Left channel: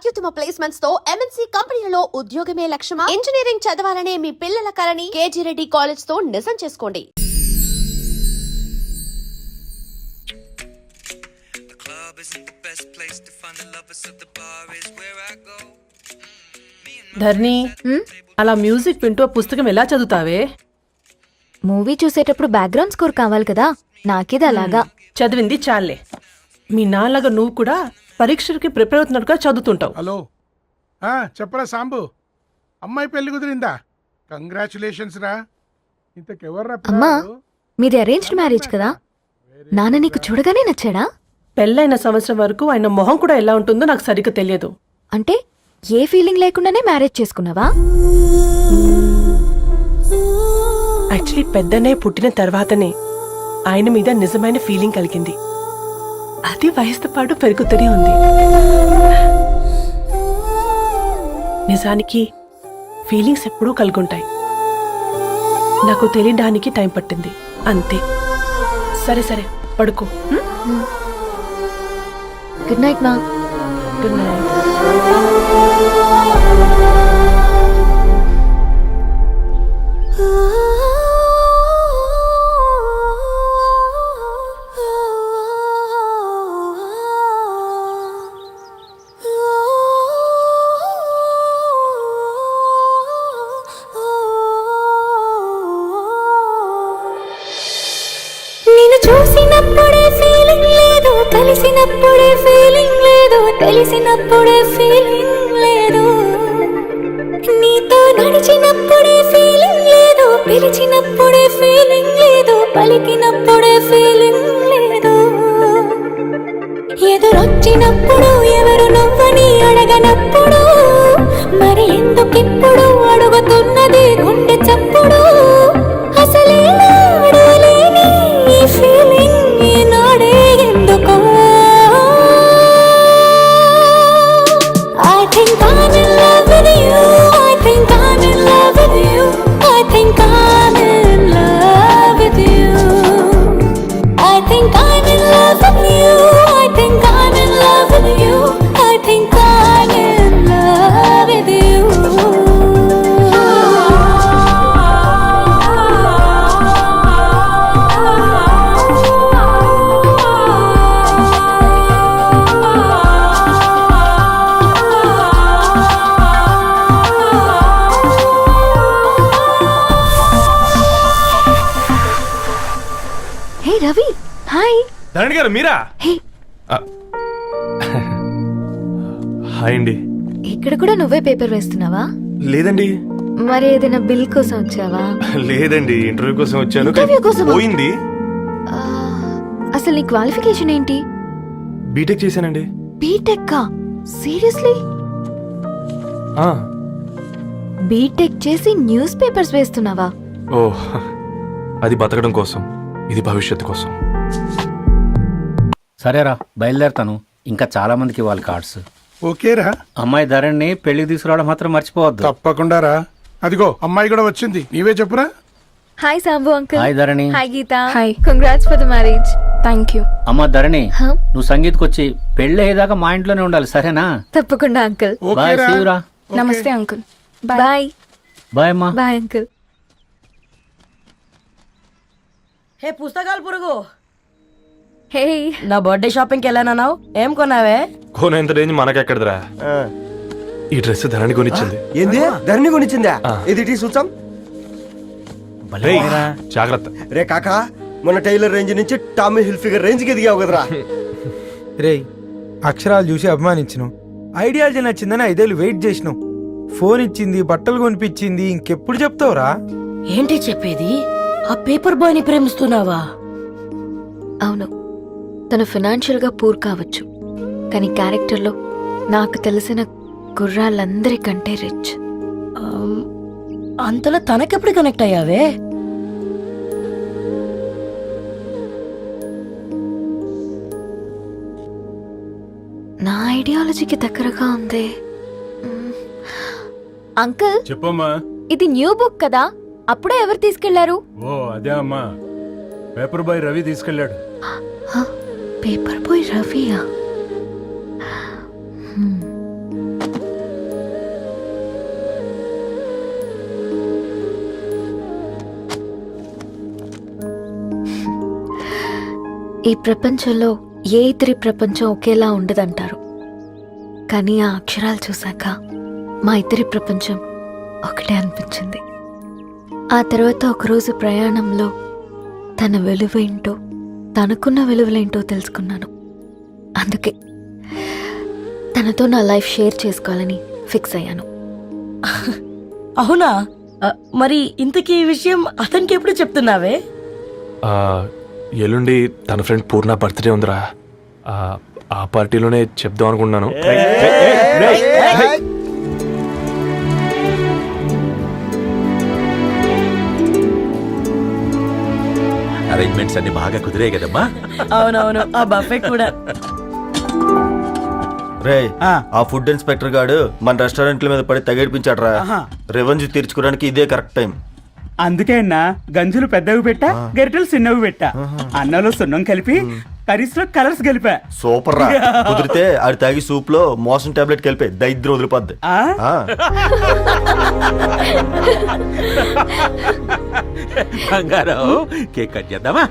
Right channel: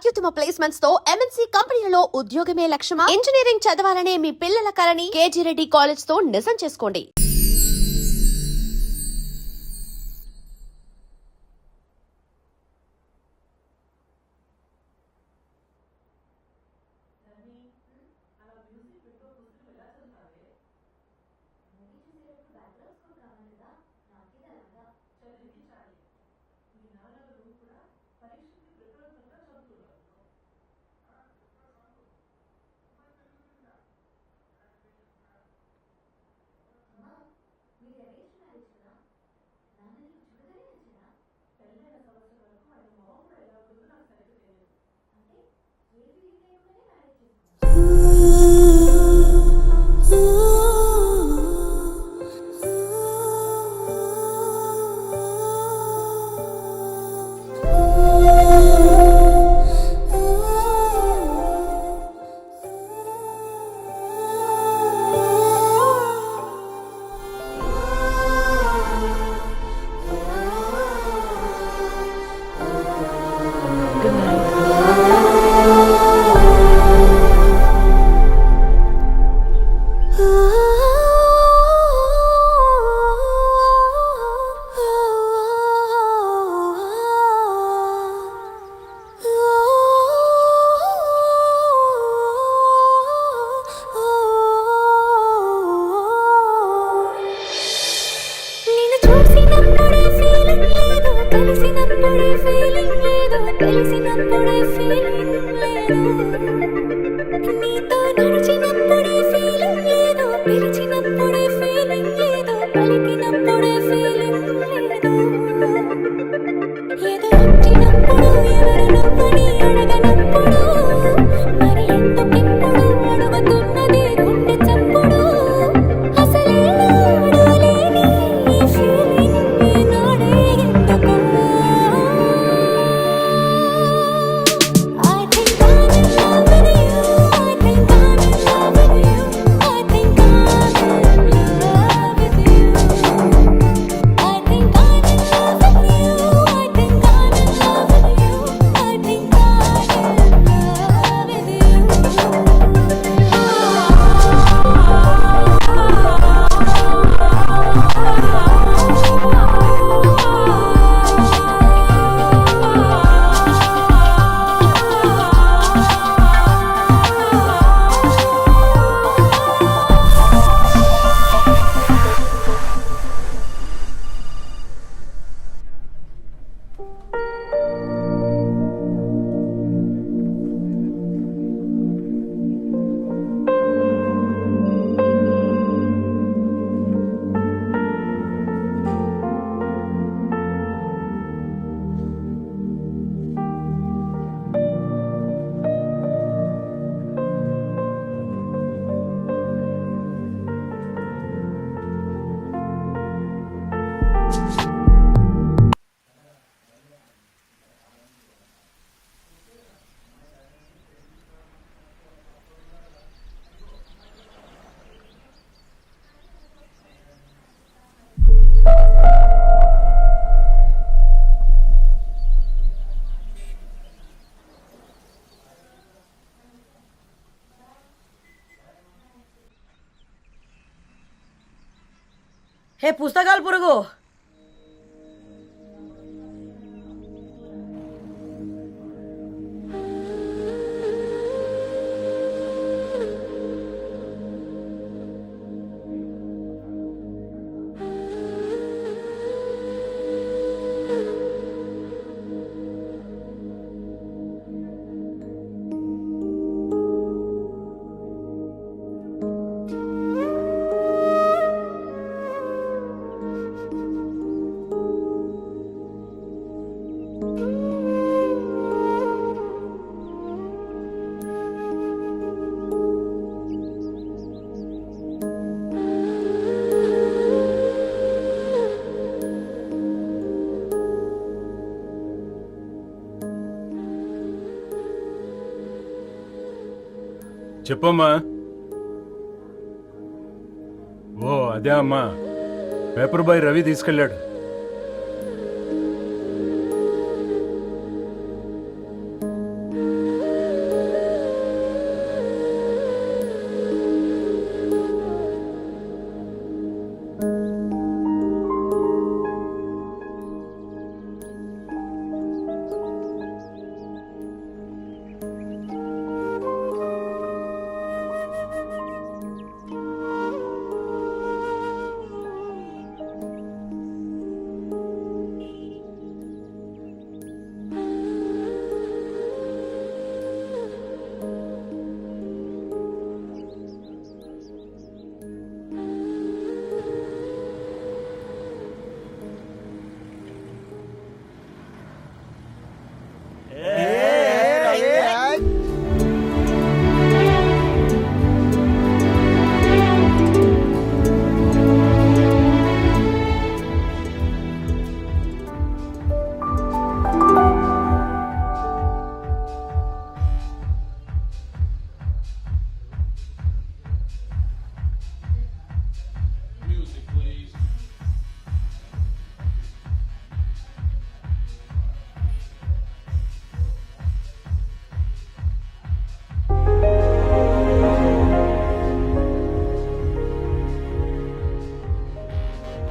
అత్యుత్తమ ప్లేస్మెంట్స్ తో ఎంఎన్సీ కంపెనీలలో ఉద్యోగమే లక్ష్యమా? ఇంజనీరింగ్ చదవాలనే మీ పిల్లల కలని కేజీ రెడ్డి కాలేజ్ తో నిజం చేసుకోండి. ధర్ని, అలా మ్యూజిక్ వింటూ పుస్తకం ఎలా చదువుతావే? మూవీ చూసేటప్పుడు బ్యాక్గ్రౌండ్ స్కోర్ కావాలి కదా, నాకిది అలాగా. చదివింది చాలే. మీ నాన్నగా నువ్వు కూడా పరీక్షలకి ప్రిపేర్ అవుతున్నట్టుగా చదువుతుంటావు. హలో, చెప్పరా సాంబు, అమ్మాయి పెళ్లి కుదిరిందా? కంగ్రాచులేషన్స్ రా. ఇంతకెవర్రా? అమ్మా, మీది అరేంజ్డ్ మ్యారేజ్ కదా, నాన్న నీకు చూడగానే నచ్చాడా? పెళ్ళైన సంవత్సరం వరకు ఆయన మొహం కూడా ఎలా ఉంటుందో నాకు సరిగ్గా తెలియదు. అంటే ఏ ఫీలింగ్ లేకుండానే మ్యారేజ్ చేసుకున్నావా? యాక్చువల్లీ పెద్దనే పుట్టిన తర్వాతనే ఆయన మీద నిజమైన ఫీలింగ్ కలిగింది. అది వయసుతో పాటు పెరుగుతూనే ఉంది. నిజానికి ఫీలింగ్స్ ఎప్పుడూ కలుగుంటాయి. నాకు తెలియడానికి టైం పట్టింది అంతే. సరే సరే, పడుకో. గుడ్ నైట్ మా. Good night. చూసినప్పుడే ఫీలింగ్ లేదు, కలిసినప్పుడే ఫీలింగ్ లేదు, తెలిసినప్పుడే ఫీలింగ్ లేదు, నీతో నడిచినప్పుడే ఫీలింగ్ లేదు, పిలిచినప్పుడే ఫీలింగ్ లేదు, పలికినప్పుడే ఫీలింగ్ లేదు, ఎదురొచ్చినప్పుడు ఎవరు నువ్వని అడగనప్పుడు మరి ఎందుకిప్పుడు అడుగుతున్నది గుండె చప్పుడు. ధరణి గారు మీరా? హాయ్ అండి. ఇక్కడ కూడా నువ్వే పేపర్ వేస్తున్నావా? లేదండి. మరి ఏదైనా బిల్ కోసం వచ్చావా? లేదండి, ఇంటర్వ్యూ కోసం వచ్చాను. ఇంటర్వ్యూ కోసం పోయింది. అసలు నీ క్వాలిఫికేషన్ ఏంటి? బీటెక్ చేశానండి. బీటెక్? సీరియస్లీ? బీటెక్ చేసి న్యూస్ పేపర్స్ వేస్తున్నావా? ఓ, అది బతకడం కోసం, ఇది భవిష్యత్తు కోసం. సరేరా, బయలుదేరుతాను. ఇంకా చాలా మందికి ఇవ్వాలి కార్డ్స్. ఓకేరా. అమ్మాయి ధరణి పెళ్లికి తీసుకురావడం మాత్రం మర్చిపోవద్దు. తప్పకుండా రా. అదిగో అమ్మాయి కూడా వచ్చింది, నీవే చెప్పురా. Hi Sambu uncle. Hi Dharani. Hi Geetha. Hi. Congrats for the marriage. Thank you. అమ్మ ధరణి, నువ్వు సంగీత్కి వచ్చి పెళ్లి అయ్యేదాకా మా ఇంట్లోనే ఉండాలి, సరేనా? తప్పకుండా అంకుల్. బాయ్. సీయురా. నమస్తే అంకుల్. బాయ్. బాయ్ అమ్మా. Bye uncle. హే పుస్తకాలు పురుగు, హే, నా బర్త్డే షాపింగ్కి వెళ్ళానన్నావు, ఏం కొన్నావే? కోనేంత రేంజ్ మనకెక్కడదిరా. ఈ డ్రెస్ ధరణి కొనిచ్చింది. ఏంది? ధరణి కొనిచ్చిందా? ఇది చూసాం. జాగ్రత్త రే కాకా, మన టైలర్ రేంజ్ నుంచి టామీ హిల్ఫిగర్ రేంజ్ కి ఎదిగావు కదరా. రే, అక్షరాలు చూసి అభిమానించను, ఐడియాలజీ నచ్చిందని 5 ఏళ్ళు వెయిట్ చేసినావు. ఫోన్ ఇచ్చింది, బట్టలు కొనిపించింది, ఇంకెప్పుడు చెప్తావురా? ఏంటి చెప్పేది? ఆ పేపర్ బాయ్ ని ప్రేమిస్తున్నావా? అవును, తను ఫినాన్షియల్ గా పూర్ కావచ్చు, కానీ క్యారెక్టర్లో నాకు తెలిసిన గుర్రాలందరికంటే రిచ్. అంతలో తనకెప్పుడు కనెక్ట్ అయ్యావే? నా ఐడియాలజీకి దగ్గరగా ఉంది. అంకుల్ చెప్పమ్మా. ఇది న్యూ బుక్ కదా, అప్పుడే ఎవరు తీసుకెళ్లారు? ఓ అదే అమ్మా, పేపర్ బాయ్ రవి తీసుకెళ్ళాడు. పేపర్ బాయ్ రవియా? ఈ ప్రపంచంలో ఏ ఇద్దరి ప్రపంచం ఒకేలా ఉండదంటారు, కానీ ఆ అక్షరాలు చూశాక మా ఇద్దరి ప్రపంచం ఒకటే అనిపించింది. ఆ తర్వాత ఒకరోజు ప్రయాణంలో తన విలువ ఏంటో, తనకున్న విలువలేంటో తెలుసుకున్నాను. అందుకే తనతో నా లైఫ్ షేర్ చేసుకోవాలని ఫిక్స్ అయ్యాను. అవునా? మరి ఇంతకీ ఈ విషయం అతనికి ఎప్పుడు చెప్తున్నావే? ఎల్లుండి తన ఫ్రెండ్ పూర్ణ బర్త్డే ఉందిరా. ఆ పార్టీలోనే చెప్దాం అనుకున్నాను. అరేంజ్మెంట్స్ అన్ని బాగా కుదిరే కదమ్మా. అవునవును, ఆ బఫే కూడా. రే ఆ ఫుడ్ ఇన్స్పెక్టర్ గాడు మన రెస్టారెంట్ల మీద పడి తగేడిపించాడ్రా. రెవెన్యూ తీర్చుకోవడానికి ఇదే కరెక్ట్ టైం. అందుకే అన్న గంజులు పెద్దవి పెట్టా, గరిటెలు చిన్నవి పెట్టా. అన్నంలో సున్నం కలిపి కర్రీస్ లో కలర్స్ కలిపా. సూపర్ రా. కుదిరితే ఆడి తాగి సూప్ లో మోషన్ టాబ్లెట్ కలిపే దైద్యం వదిలిపోద్ది. కేక్ కట్ చేద్దామా?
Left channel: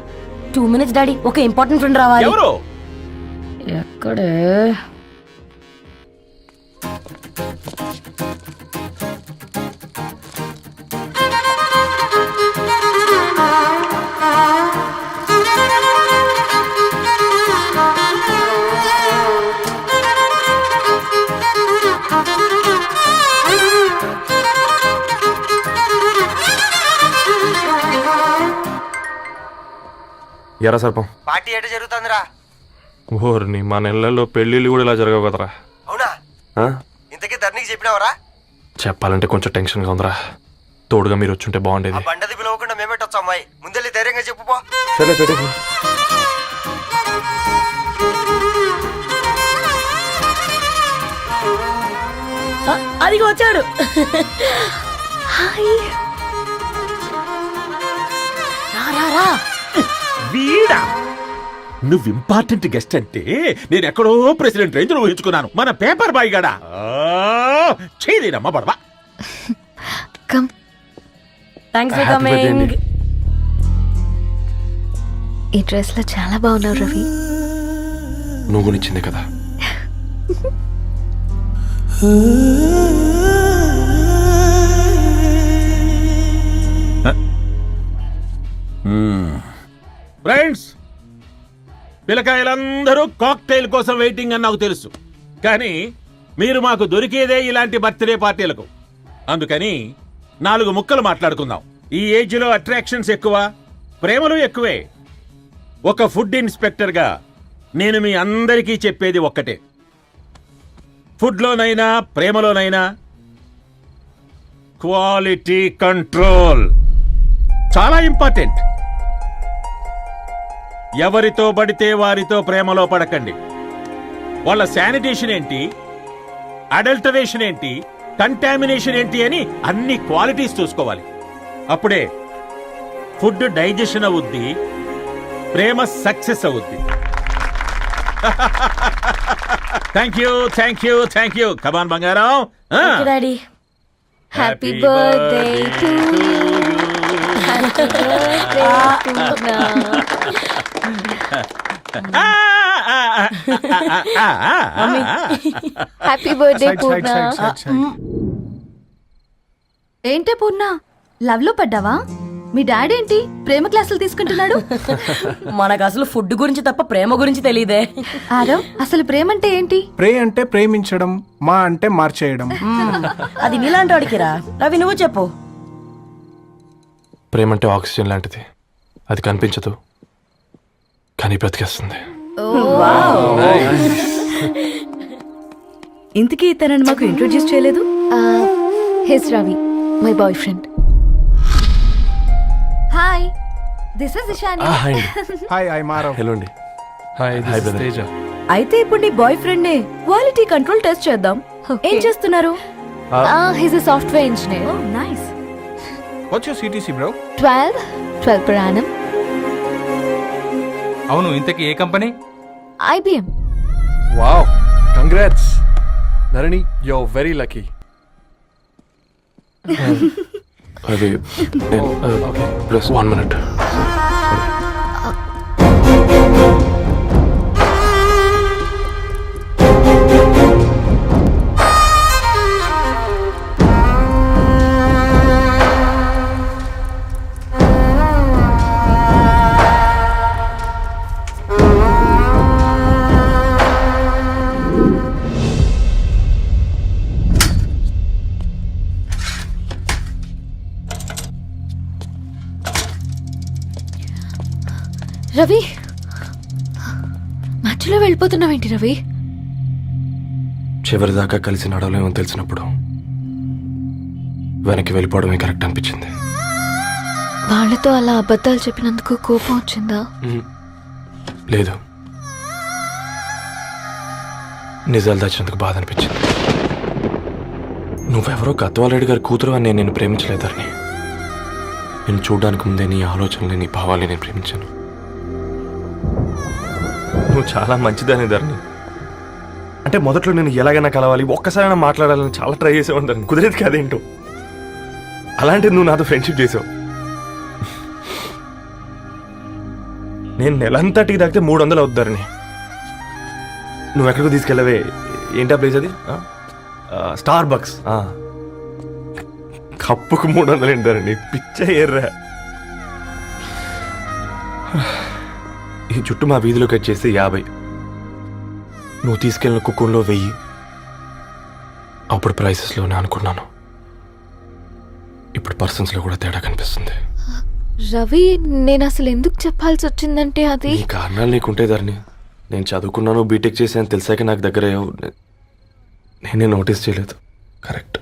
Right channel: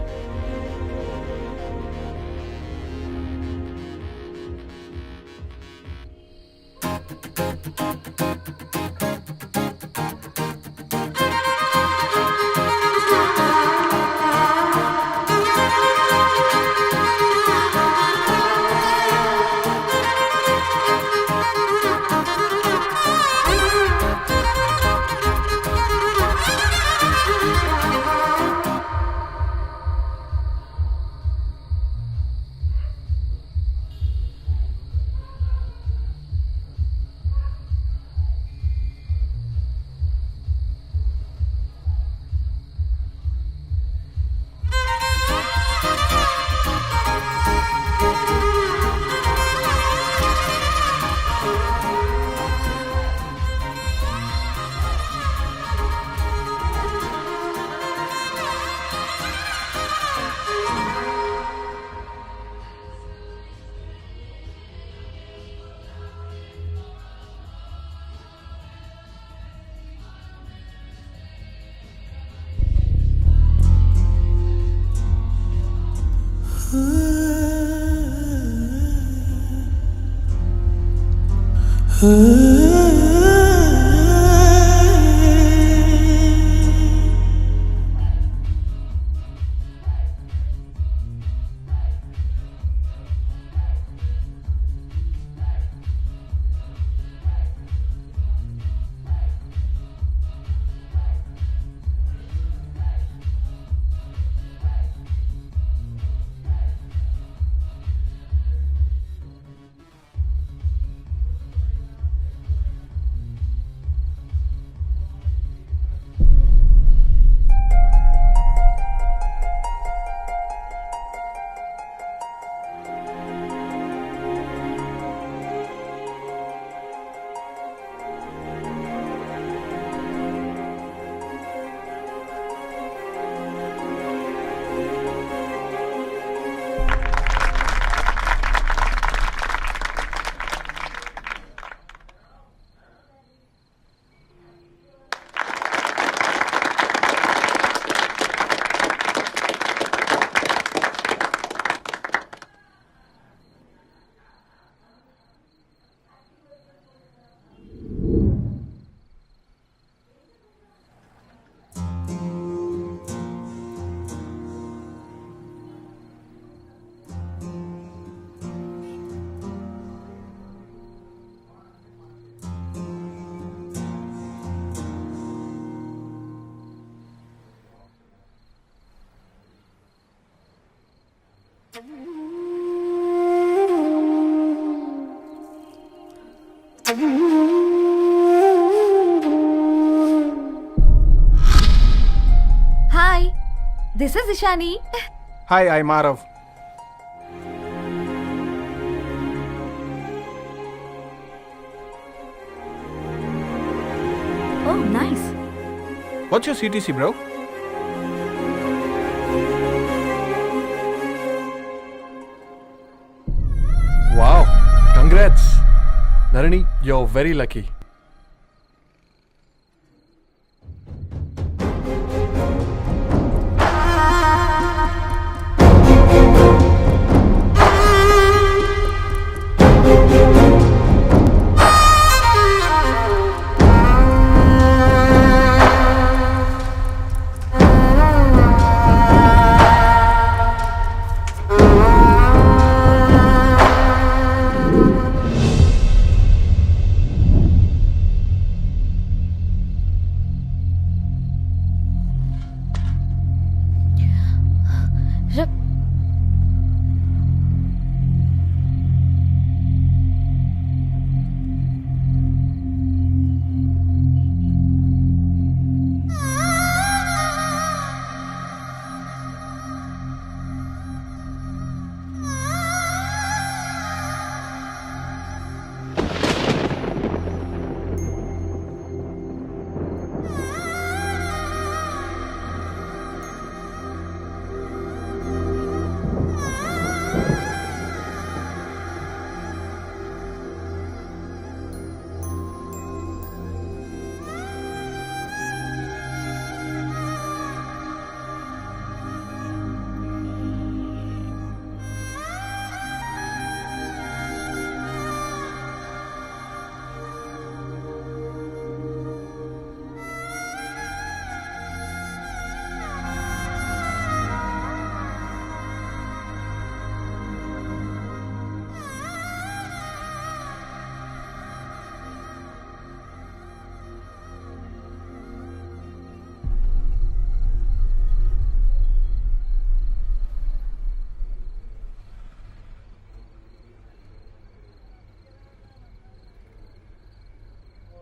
2 minutes డాడీ, ఒక ఇంపార్టెంట్ ఫ్రెండ్ రావాలి. ఎవరు? ఎక్కడే? ఎరా సర్పం, పార్టీ ఎట జరుగుతుందిరా? ఓర్ని మా నెలల్లో పెళ్ళిళ్ళు కూడా ఇలా జరగవు కదరా. అవునా? ఇంతకీ ధర్నీకి చెప్పినావరా? చెప్పాలంటే కొంచెం టెన్షన్గా ఉందిరా. తోడుగా మీరు వచ్చుంటే బాగుండేది. బండది పిలవకుండా మేమేటొచ్చు అమ్మాయి. ముందెళ్ళి ధైర్యంగా చెప్పుపో. సరే సరే. అదిగో వచ్చాడు. వీడా? నువ్వు ఇంపార్టెంట్ గెస్ట్ అంటే నేను ఎక్కడో ప్రెసిడెంట్ రేంజ్ లో ఊహించుకున్నాను. మన పేపర్ బాయ్ గడా చేయలేనమ్మా బడవా. కమ్. Thanks for coming. ఈ డ్రెస్ లో చాలా బాగున్నావు రవి. నువ్వు గురించిందే కదా. ఫ్రెండ్స్, పిల్లకాయలందరూ కాక్టైల్ కోసం వెయిటింగ్ అని నాకు తెలుసు. కానీ మీరు మాకు దొరికేదే ఇలాంటి బర్త్డే పార్టీలకు. అందుకని 4 ముక్కలు మాట్లాడుకుందాం. ఈ ఏజ్ లో అట్రాక్షన్స్ ఎక్కువ, ప్రేమలు ఎక్కువే. ఒక ఫుడ్ ఇన్స్పెక్టర్ గా నేను మీ అందరికీ చెప్పేది ఒక్కటే. ఫుడ్ లోనైనా ప్రేమలోనైనా క్వాలిటీ కంట్రోల్ చాలా ఇంపార్టెంట్. ఎవరితో పడితే వారితో ప్రేమలో పడకండి. వాళ్ళ శానిటేషన్ ఏంటి, అడల్టరేషన్ ఏంటి, కంటామినేషన్ ఏంటి అని అన్ని క్వాలిటీస్ చూసుకోవాలి. అప్పుడే ఫుడ్ డైజెషన్ అవుద్ది, ప్రేమ సక్సెస్ అవుద్ది. Thank you thank you thank you. Come on బంగారం. Daddy, happy birthday to happy birthday Purna. ఏంటే పూర్ణ, లవ్ లో పడ్డావా? మీ డాడీ ఏంటి ప్రేమ క్లాసులు తీసుకుంటున్నాడు? మనకు అసలు ఫుడ్ గురించి తప్ప ప్రేమ గురించి తెలియదే. ఆరవ్, అసలు ప్రేమ అంటే ఏంటి? ప్రే అంటే ప్రేమించడం, మా అంటే మార్చేయడం. అది నీలాంటి వాడికిరా. రవి, నువ్వు చెప్పు. ప్రేమ అంటే ఆక్సిజన్ లాంటిది. అది కనిపించదు కానీ బ్రతికేస్తుంది. ఇంతకీ తనని మాకు ఇంట్రొడ్యూస్ చేయలేదు. His Ravi, my boy friend. Hi, this is Ishani. Hi, I Maarav. Hello అండి. హాయ్ తేజ. అయితే ఇప్పుడు నీ బాయ్ ఫ్రెండ్ నే క్వాలిటీ కంట్రోల్ టెస్ట్ చేద్దాం. ఏం చేస్తున్నారు? His a software engineer. Oh nice. What's your CTC bro? 12 per annum. అవును, ఇంతకీ ఏ company? IBM. Wow, congrats Narani, you are very lucky. అది ప్లస్ 1 minute. రవి మధ్యలో వెళ్ళిపోతున్నావేంటి రవి? చివరిదాకా కలిసి నడవలేమని తెలిసినప్పుడు వెనక్కి వెళ్ళిపోవడమే కరెక్ట్ అనిపించింది. వాళ్ళతో అలా అబద్ధాలు చెప్పినందుకు కోపం వచ్చిందా? లేదు, నిజాలు దాచినందుకు బాధ అనిపించింది. నువ్వెవరో గద్వాలరెడ్డి గారి కూతురు అని నేను ప్రేమించలేదని. నేను చూడడానికి ముందే నీ ఆలోచనలు, నీ భావాల్ని నేను ప్రేమించాను. నువ్వు చాలా మంచిదని ధరణి. అంటే మొదట్లో నేను ఎలాగైనా కలవాలి, ఒక్కసారైనా మాట్లాడాలని చాలా ట్రై చేసేవాడిని ధరణి. కుదిరేది కాదేంటో. అలాంటిది నువ్వు నాతో ఫ్రెండ్షిప్ చేసావు. నేను నెలంతటికి తాగితే 300 అవుతారని. నువ్వు ఎక్కడికి తీసుకెళ్ళవే? ఏంటా ప్లేస్ అది? Star bucks. కప్పుకు 300 ఏంటారండి, పిచ్చ ఎర్రా. ఈ చుట్టూ మా వీధిలోకి వచ్చేసి 50. నువ్వు తీసుకెళ్ళిన కుక్కర్లో 1000. అప్పుడు ప్రైసెస్లోనే అనుకున్నాను, ఇప్పుడు పర్సన్స్లో కూడా తేడా కనిపిస్తుంది. రవి నేను అసలు ఎందుకు చెప్పాల్సి వచ్చిందంటే అది నీ కారణాలు నీకుంటే ధరణి. నేను చదువుకున్నాను, బీటెక్ చేశాను తెలిసాక నాకు దగ్గర నేనే నోటీస్ చేయలేదు. కరెక్ట్.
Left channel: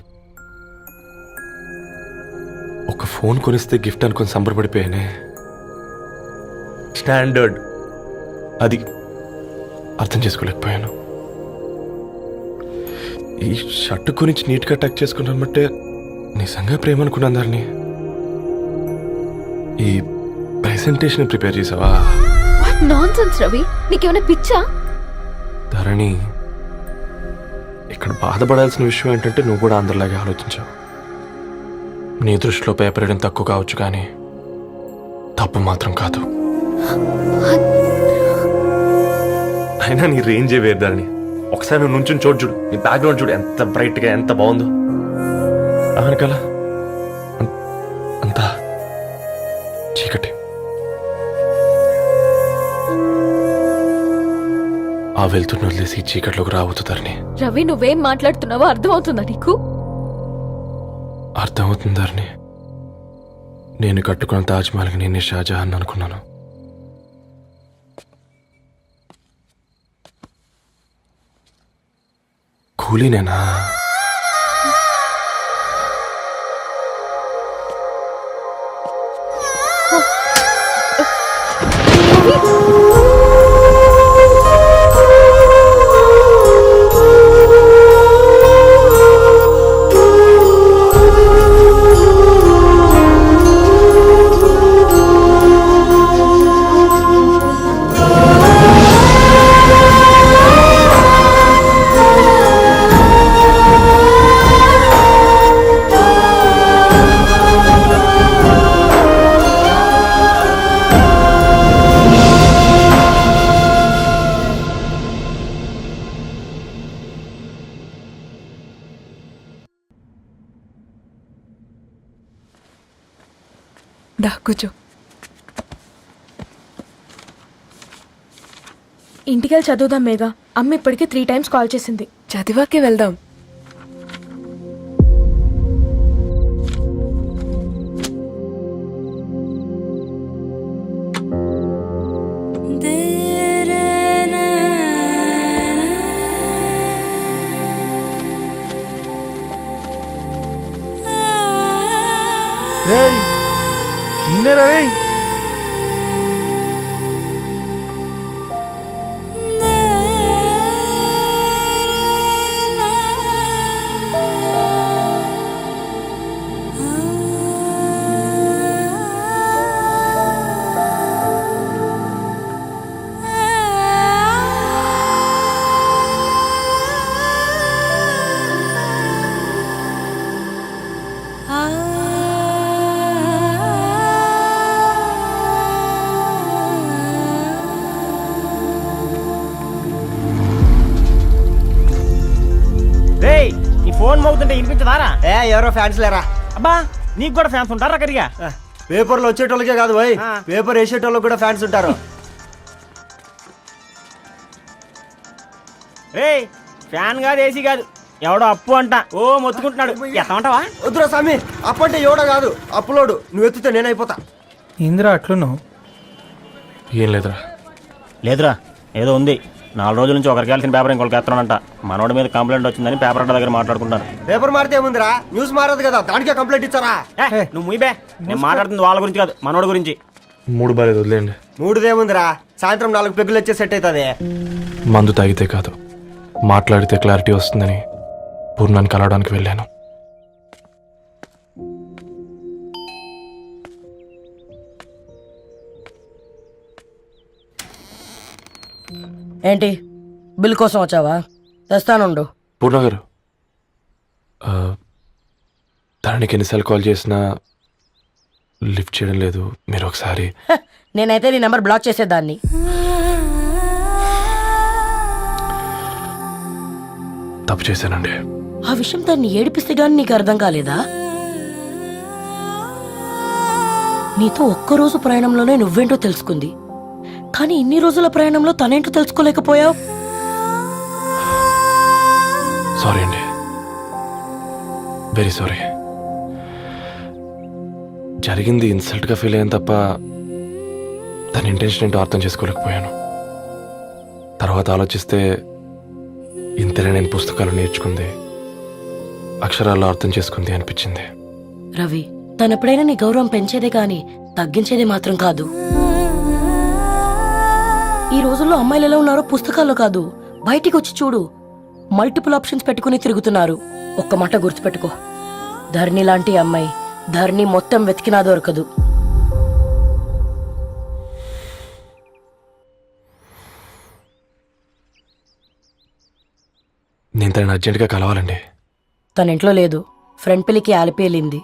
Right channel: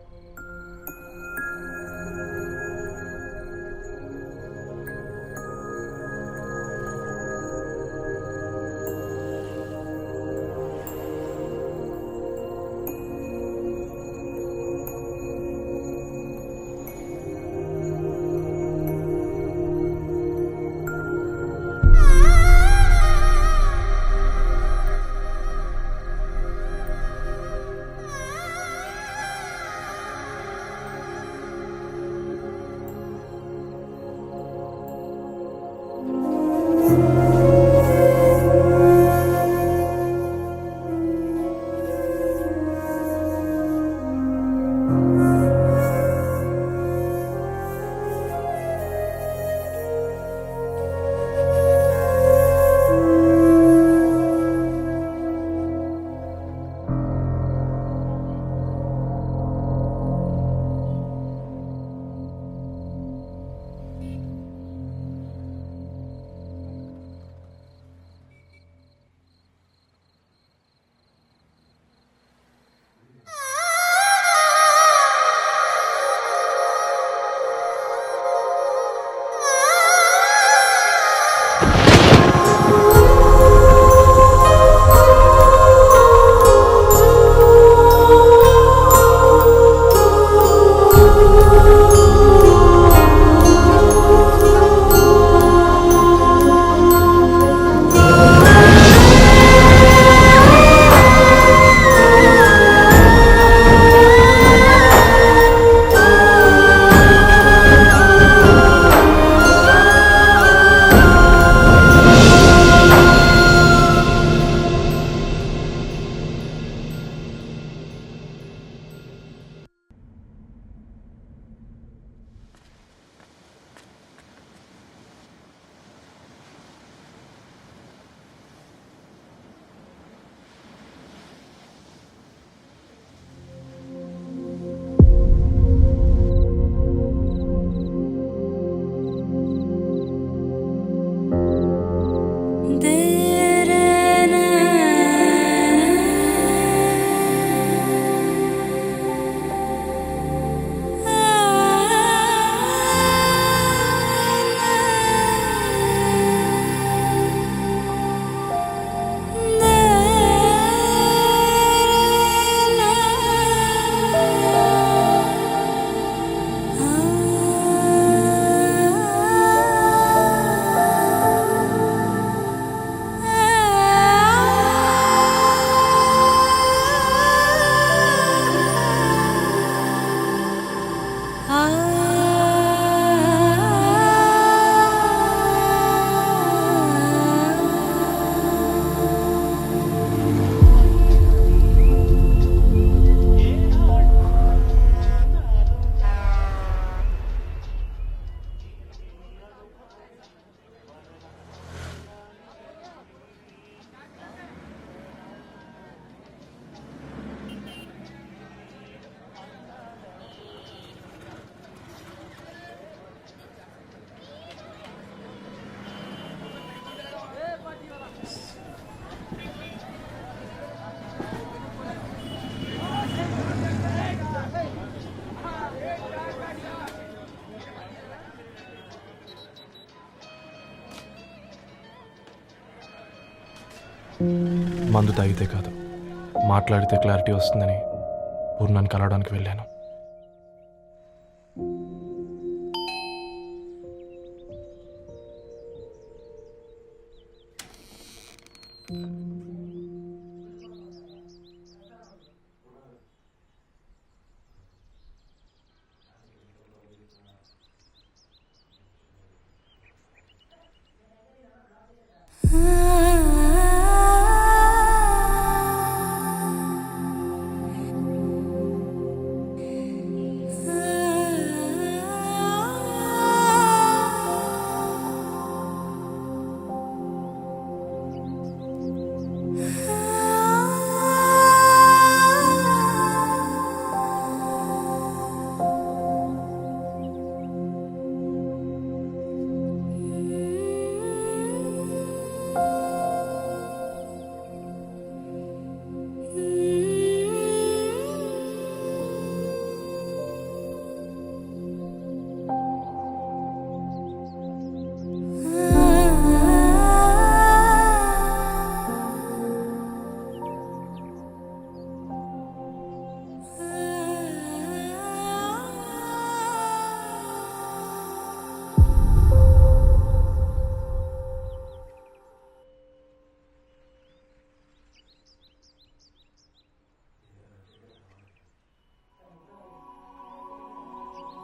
ఒక ఫోన్ కొనిస్తే గిఫ్ట్ అనుకుని సంబరపడిపోయానే. స్టాండర్డ్ అది అర్థం చేసుకోలేకపోయాను. ఈ షర్ట్ గురించి నీట్గా టక్ చేసుకున్నామంటే నిజంగా ప్రేమ అనుకున్నాను ధరణి. ఈ ప్రెజెంటేషన్ ప్రిపేర్ చేసావా? నాన్సెన్స్ రవి, నీకేమైనా పిచ్చా? ధరణి, ఇక్కడ బాధపడాల్సిన విషయం ఏంటంటే నువ్వు కూడా అందరిలాగే ఆలోచించావు. నీ దృష్టిలో పేపర్ వేయడం తక్కువ కావచ్చు, కానీ తప్పు మాత్రం కాదు. అయినా నీ రేంజే వేరు ధరణి. ఒకసారి నువ్వు నుంచుని చూడు, నీ బ్యాక్గ్రౌండ్ చూడు ఎంత బ్రైట్గా, ఎంత బాగుందో. అవునుకలా అంతా చీకటి. ఆ వెళ్తున్న వదిలేసి చీకట్లోకి రాబోతుందని. రవి నువ్వేం మాట్లాడుతున్నావో అర్థమవుతుందా నీకు? అర్థమవుతుందని. నేను కట్టుకున్న తాజ్మహల్కి నేనే షాజహాన్ అనుకున్నాను. కూలీనేనా? దా కూర్చో. ఇంటికెళ్ళి చదువుదాం మేఘా. అమ్మ ఇప్పటికే 3 times కాల్ చేసింది. చదివాకే వెళ్దాం. ఎవరో ఫ్యాన్స్ లేరా? అబ్బా నీకు కూడా ఫ్యాన్స్ ఉంటారా కరిగా? పేపర్లో వచ్చేటోళ్ళకే కాదు పోయి, పేపర్ వేసేటోళ్ళకి కూడా ఫ్యాన్స్ ఉంటారు. రే ఫ్యాన్ కాదు, ఏసీ కాదు, ఎవడో అప్పు అంట ఓ మొత్తుకుంటున్నాడు. ఎత్తమంటావా? వద్దురా స్వామి, అప్పు అంటే ఎవడో కాదు, అప్పులోడు. నువ్వు ఎత్తితే నేనైపోతా. ఇందిరా అట్లున్నావు? ఏం లేదురా. లేదురా, ఏదో ఉంది. 4 రోజుల నుంచి ఒకరికి వెళ్ళిన పేపర్ ఇంకొకరికి ఎత్తానంట. మనోడి మీద కంప్లైంట్ వచ్చిందని పేపర్ అడ్డ దగ్గర మాట్లాడుకుంటాను. పేపర్ మారితే ముందురా న్యూస్ మారదు కదా, దానికే కంప్లైంట్ ఇచ్చారా? నువ్వు ముయ్యబే, నేను మాట్లాడుతుంది వాళ్ళ గురించి కాదు, మనోడి గురించి. మూడు బాలేదు, వదిలేండి. మూడుదేముందిరా, సాయంత్రం 4 పెగ్గులు వచ్చే సెట్ అవుతుంది. మందు తాగితే కాదు, మాట్లాడితే క్లారిటీ వస్తుందని పూర్ణాన్ని కలవడానికి వెళ్ళాను. ఏంటి బిల్ కోసం వచ్చావా? తెస్తానుండు. పూర్ణ గారు, తనకి ఎన్నిసార్లు కాల్ చేసినా లిఫ్ట్ చేయడం లేదు. మీరు ఒకసారి. నేనైతే నీ నెంబర్ బ్లాక్ చేసేదాన్ని. తప్పు చేశానండి. ఆ విషయం దాన్ని ఏడిపిస్తే గానీ నీకు అర్థం కాలేదా? నీతో ఒక్కరోజు ప్రయాణంలోనే నువ్వేంటో తెలుసుకుంది, కానీ ఇన్ని రోజుల ప్రయాణంలో తనేంటో తెలుసుకోలేకపోయావు. సారీ అండి, వెరీ సారీ. జరిగింది ఇన్సల్ట్గా ఫీల్ అయ్యాను తప్ప తన ఇంటెన్షన్ ఏంటో అర్థం చేసుకోలేకపోయాను. తర్వాత ఆలోచిస్తే ఇంతనే నేను పుస్తకాలు నేర్చుకుంది, అక్షరాల్లో అర్థం చేసుకుంది అనిపించింది. రవి, తనెప్పుడైనా నీ గౌరవం పెంచేదే కానీ తగ్గించేదే మాత్రం కాదు. ఈ రోజుల్లో అమ్మాయిలు ఎలా ఉన్నారో పుస్తకాల్లో కాదు, బయటికి వచ్చి చూడు. మల్టిపుల్ ఆప్షన్స్ పెట్టుకుని తిరుగుతున్నారు. ఒక్క మాట గుర్తుపెట్టుకో, ధరణి లాంటి అమ్మాయి ధరణి మొత్తం వెతికినా దొరకదు. నేను తనని అర్జెంటుగా కలవాలండి. తన ఇంట్లో లేదు, ఫ్రెండ్ పెళ్లికి ఆలిపేలింది.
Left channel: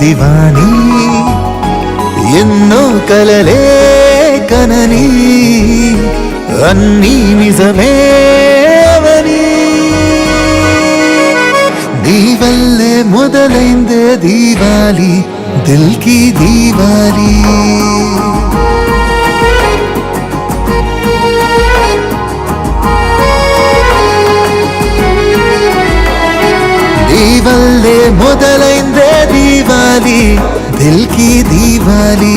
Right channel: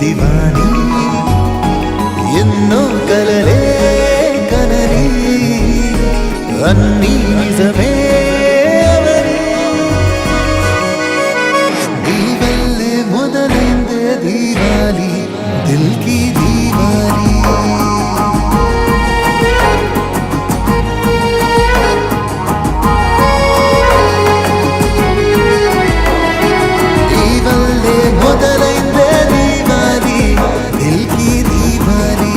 దివానీ ఎన్నో కలలే కనని అన్నీ నిజమే అవని నీ వల్లే మొదలైందే దీవాలి దిల్ కి దీవాలి నీ వల్లే మొదలైందే దీవాలి దిల్ కి దీవాలి